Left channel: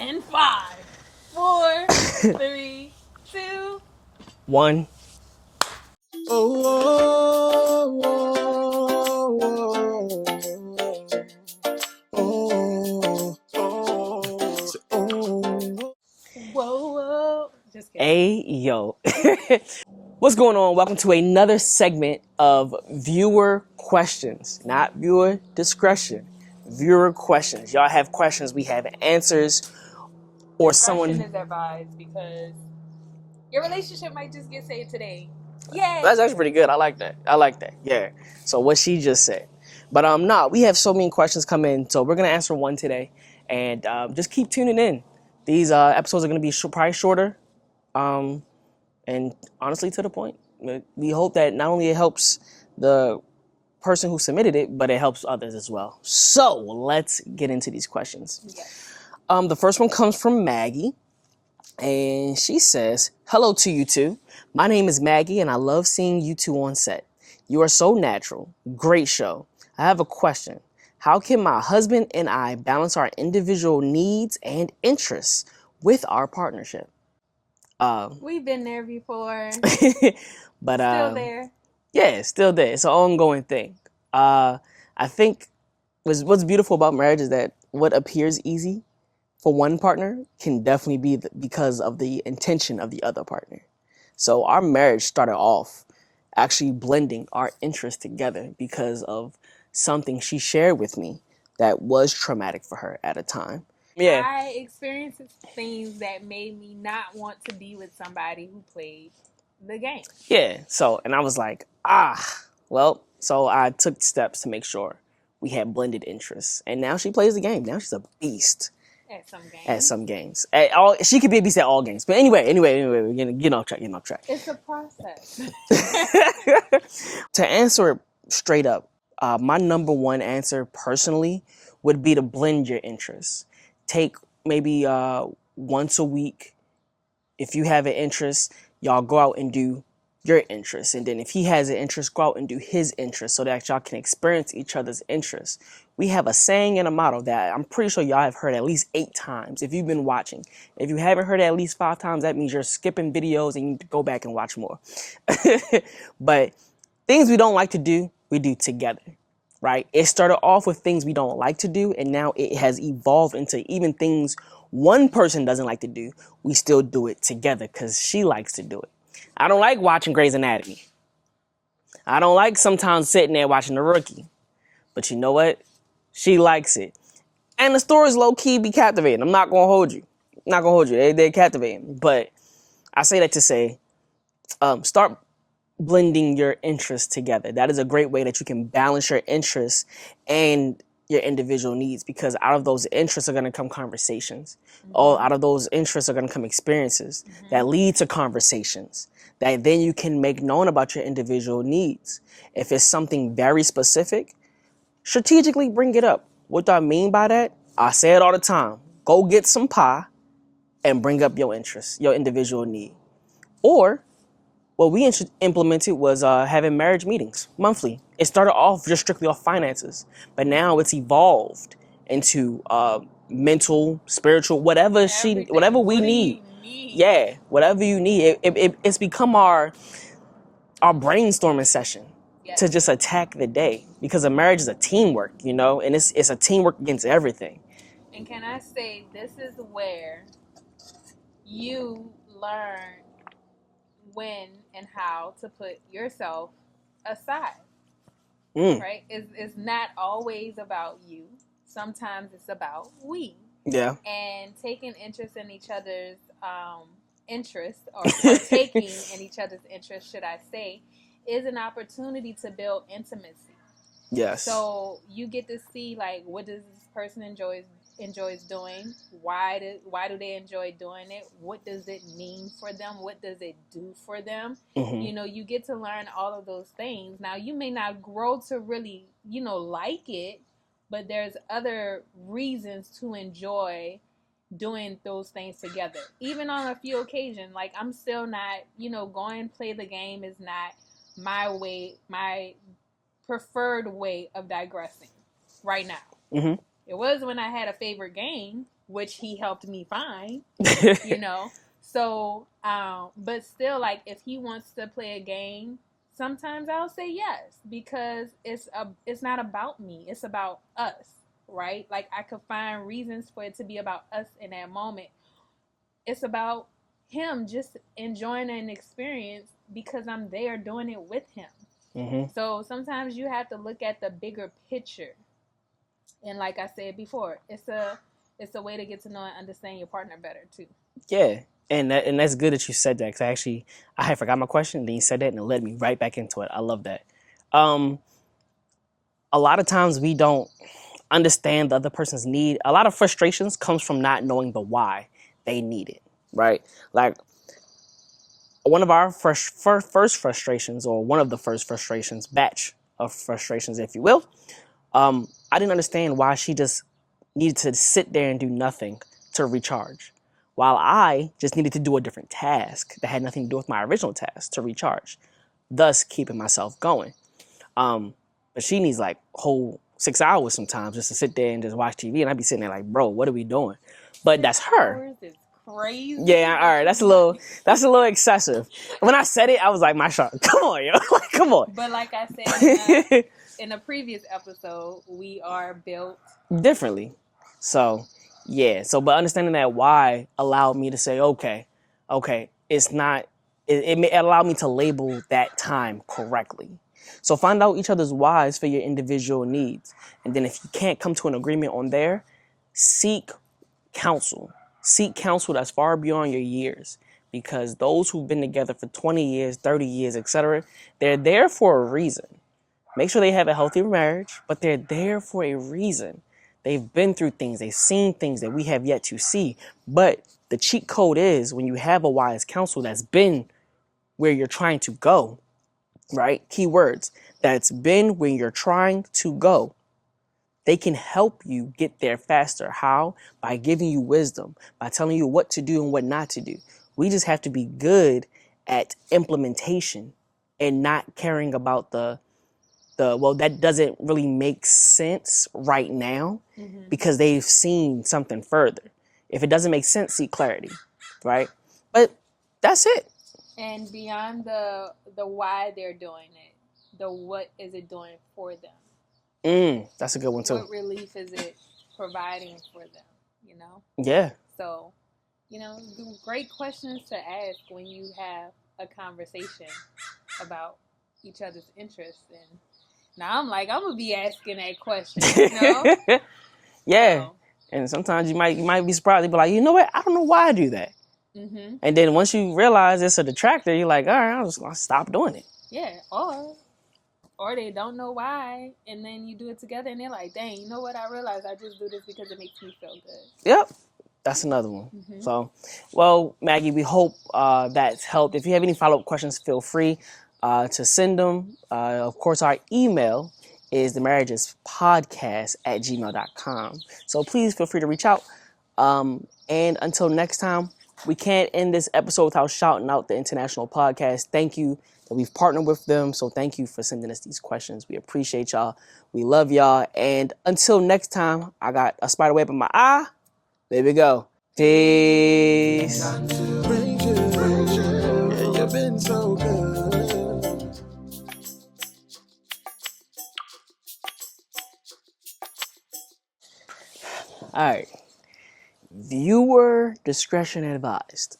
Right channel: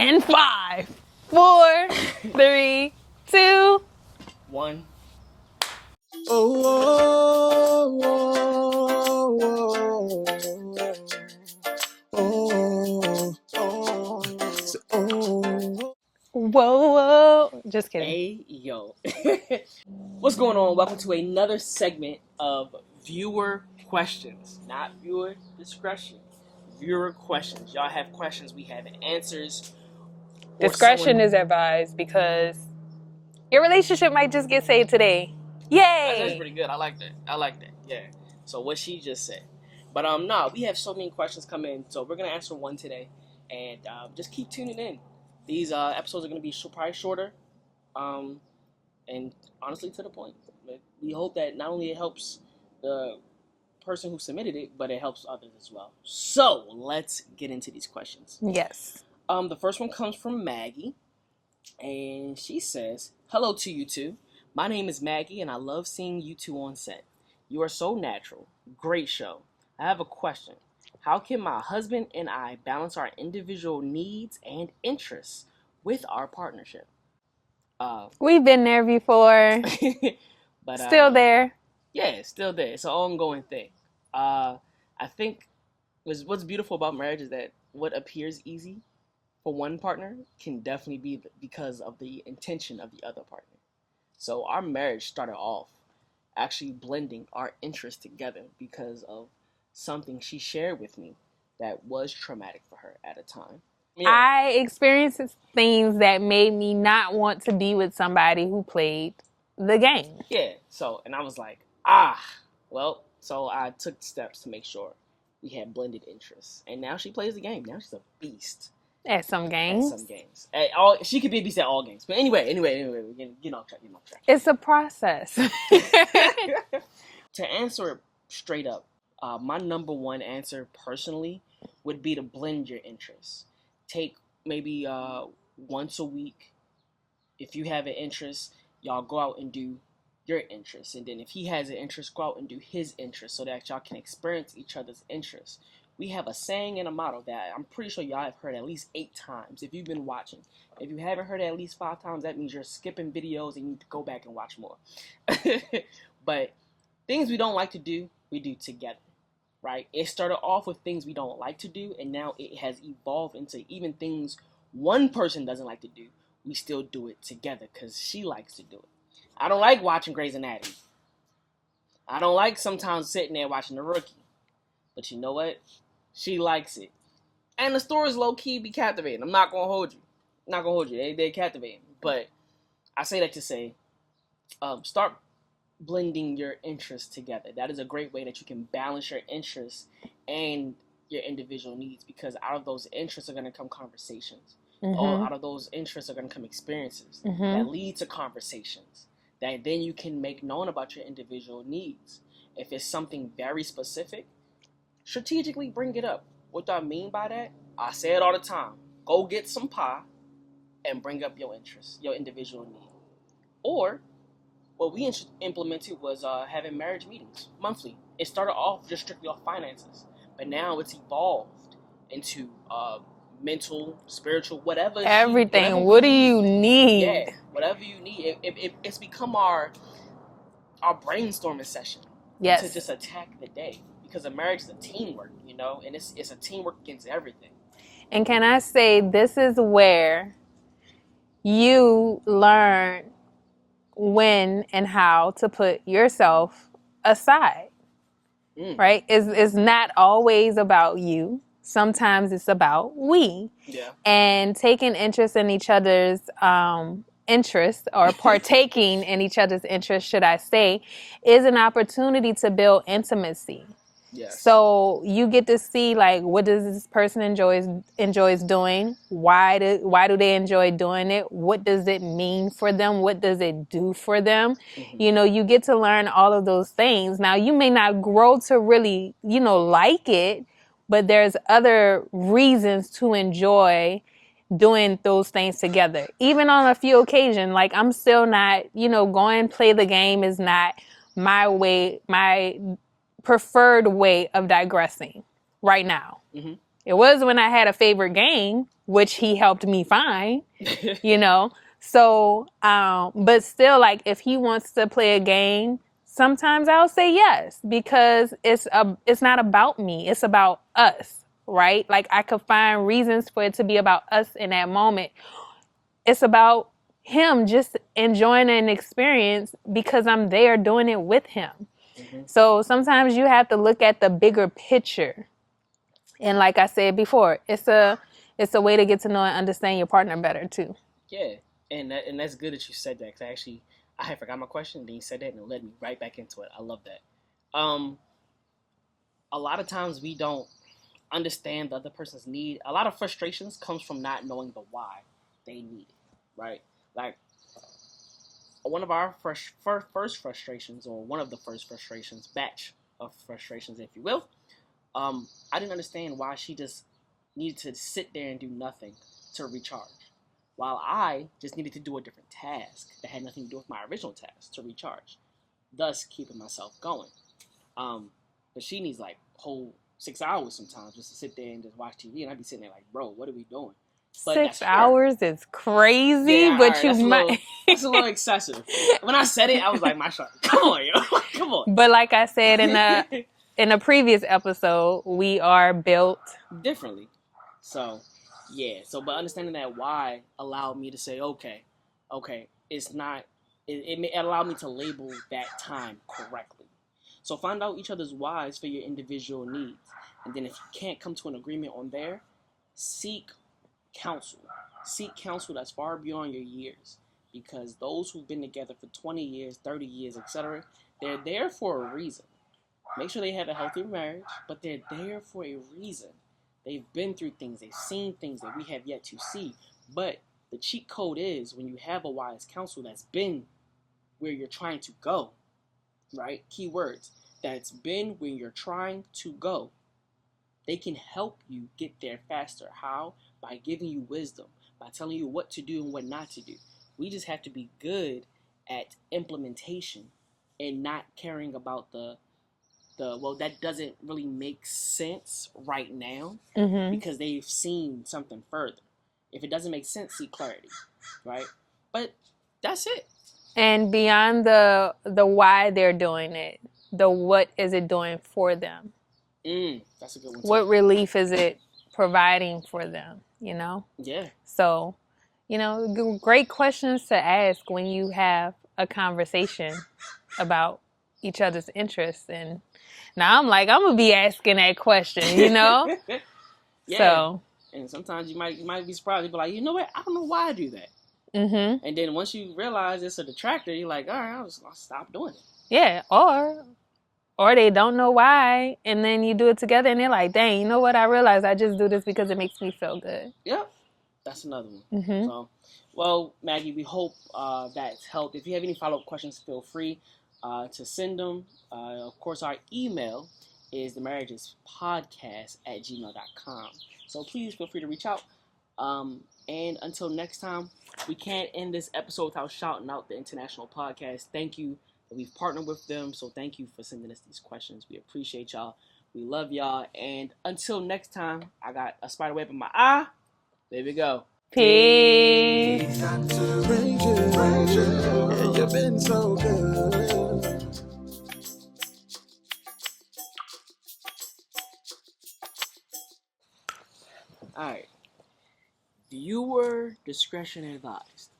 In 5, 4, 3, 2, 1. whoa. Just kidding. Hey, yo. What's going on? Welcome to another segment of viewer questions, not viewer discretion. Viewer questions. Y'all have questions, we have answers. Discretion is advised because your relationship might just get saved today. Yay! That's actually pretty good. I like that. Yeah. So what she just said. But we have so many questions come in, so we're gonna answer one today, and just keep tuning in. These episodes are gonna be probably shorter, and honestly to the point. We hope that not only it helps the person who submitted it, but it helps others as well. So let's get into these questions. Yes. The first one comes from Maggie. And she says, "Hello to you two. My name is Maggie and I love seeing you two on set. You are so natural. Great show. I have a question. How can my husband and I balance our individual needs and interests with our partnership?" We've been there before. But Still there. Yeah, still there. It's an ongoing thing. I think what's beautiful about marriage is that what appears easy for one partner can definitely be because of the intention of the other partner. So our marriage started off actually blending our interests together because of something she shared with me that was traumatic for her at a time. Yeah. I experienced things that made me not want to be with somebody who played the game. Yeah. So, and I was like, so I took steps to make sure we had blended interests. And now she plays the game. Now she's a beast. At some games. She could be a beast at all games. But anyway, we're getting off track. It's a process. To answer it straight up, my number one answer personally would be to blend your interests. Take maybe once a week. If you have an interest, y'all go out and do your interests. And then if he has an interest, go out and do his interest so that y'all can experience each other's interests. We have a saying and a motto that I'm pretty sure y'all have heard at least 8 times if you've been watching. If you haven't heard it at least 5 times, that means you're skipping videos and you need to go back and watch more. But things we don't like to do, we do together, right? It started off with things we don't like to do, and now it has evolved into even things one person doesn't like to do, we still do it together because she likes to do it. I don't like watching Grey's Anatomy. I don't like sometimes sitting there watching The Rookie. But you know what? She likes it. And the stories low-key be captivating. I'm not going to hold you. They're captivating. But I say that to say, start blending your interests together. That is a great way that you can balance your interests and your individual needs, because out of those interests are going to come conversations. Out of those interests are going to come experiences that lead to conversations that then you can make known about your individual needs. If it's something very specific, strategically bring it up. What do I mean by that? I say it all the time. Go get some pie and bring up your interests, your individual need. Or what we implemented was having marriage meetings monthly. It started off just strictly off finances, but now it's evolved into mental, spiritual, whatever What do you need? Yeah, whatever you need. It's become our brainstorming session. Yes. To just attack the day, because a marriage is a teamwork, and it's a teamwork against everything. And can I say, this is where you learn when and how to put yourself aside, right? It's not always about you. Sometimes it's about we. Yeah. And taking interest in each other's interests, or partaking in each other's interests, should I say, is an opportunity to build intimacy. Yes. So you get to see, like, what does this person enjoys doing? Why do they enjoy doing it? What does it mean for them? What does it do for them? You get to learn all of those things. Now, you may not grow to really, like it, but there's other reasons to enjoy doing those things together. Even on a few occasions, like, I'm still not, going play the game is not my way, my preferred way of digressing right now. It was when I had a favorite game, which he helped me find, you know. So, but still, like, if he wants to play a game, sometimes I'll say yes, because it's not about me. It's about us, right? Like, I could find reasons for it to be about us in that moment. It's about him just enjoying an experience because I'm there doing it with him. Mm-hmm. So sometimes you have to look at the bigger picture. And like I said before, it's a way to get to know and understand your partner better too. Yeah, and that's good that you said that, because actually I had forgot my question, and then you said that, and it led me right back into it. I love that. A lot of times we don't understand the other person's need. A lot of frustrations comes from not knowing the why they need it, right? Like, one of our first frustrations, or one of the first frustrations, batch of frustrations, if you will, I didn't understand why she just needed to sit there and do nothing to recharge, while I just needed to do a different task that had nothing to do with my original task to recharge, thus keeping myself going. But she needs like whole 6 hours sometimes just to sit there and just watch TV, and I'd be sitting there like, bro, what are we doing? But that's 6 her. hours is crazy. Yeah, but all right, you that's a little excessive. When I said it, I was like, my shot, come on, yo, come on. But like I said in a previous episode, we are built differently. So, yeah. So, but understanding that why allowed me to say, okay, it's not. It allowed me to label that time correctly. So find out each other's whys for your individual needs, and then if you can't come to an agreement on there, seek counsel. Seek counsel that's far beyond your years, because those who've been together for 20 years, 30 years, etc., they're there for a reason. Make sure they have a healthy marriage, but they're there for a reason. They've been through things, they've seen things that we have yet to see. But the cheat code is, when you have a wise counsel that's been where you're trying to go, right? Keywords, that's been where you're trying to go. They can help you get there faster. How? By giving you wisdom, by telling you what to do and what not to do. We just have to be good at implementation and not caring about well, that doesn't really make sense right now, because they've seen something further. If it doesn't make sense, seek clarity, right? But that's it. And beyond the why they're doing it, the what is it doing for them? That's a good one too. What relief is it providing for them, you know? Yeah. So, you know, great questions to ask when you have a conversation about each other's interests. And now I'm going to be asking that question, you know? Yeah. So. And sometimes you might be surprised. You be like, you know what? I don't know why I do that. Mm-hmm. And then once you realize it's a detractor, you're like, all right, I'm just going to stop doing it. Yeah. Or they don't know why, and then you do it together, and they're like, dang, you know what? I realized I just do this because it makes me feel good. Yep. That's another one. Mm-hmm. So, well, Maggie, we hope that's helped. If you have any follow-up questions, feel free to send them. Of course, our email is themarriagespodcast@gmail.com. So please feel free to reach out. And until next time, we can't end this episode without shouting out the International Podcast. Thank you that we've partnered with them. So thank you for sending us these questions. We appreciate y'all. We love y'all. And until next time, I got a spider web in my eye. There we go. Peace. Praise you. Yeah, you've been so good. All right. Viewer discretion advised.